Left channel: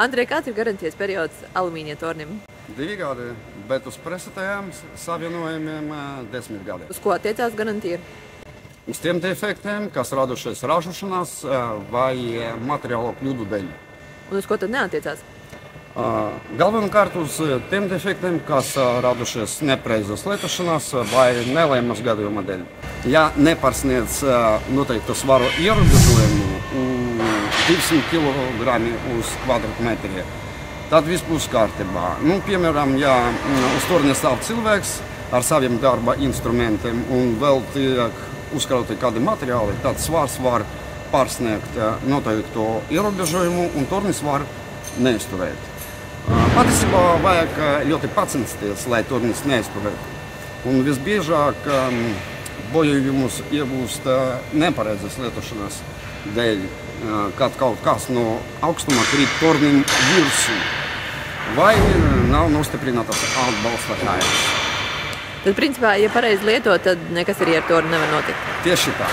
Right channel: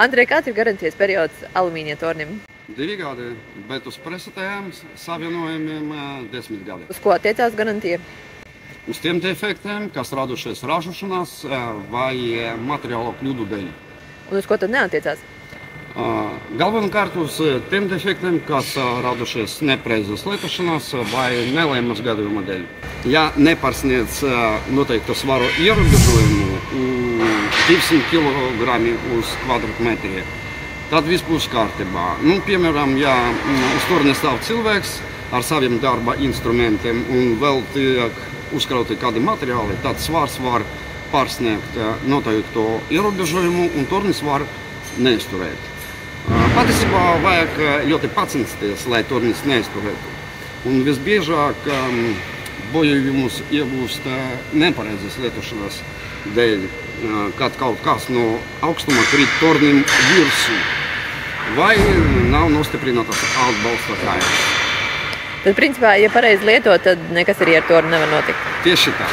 Andrej, kāds ir garantijas periods alumīnija tornim? 2 gadi, bet uz presatējām savienojumiem 10 gadi. Uz ko attiecās garantija? Uz tiem defektiem, kas radušies ražošanās vai materiālo kļūdu dēļ. Un uz ko tad neatiecās? Galvenokārt uz tiem defektiem, kas radušies nepreizes lietošanās vai nelēmas gadījuma dēļ. Ja nepārsniedz noteiktu svaru ierobežojumu 200 kg uz kvadrātmetru, tad viss būs kārtībā. Piemēram, ja uz torņa stāv cilvēks ar saviem darba instrumentiem un vēl tiek uzkrauti kādi materiāli, tad svars var pārsniegt noteikto ierobežojumu un tornis var neizturēt. Patiesībā vajag ļoti pacensties, lai tornis neizturētu. Un visbiežāk bojājumus iegūst nepareizas lietošanas dēļ, kad kaut kas no augstuma krīt tornim virsū vai nav nostiprinātas atbalsta kājas. Tad, principā, ja pareizi lietot, tad nekas arī ar torni nevar notikt. Tieši tā.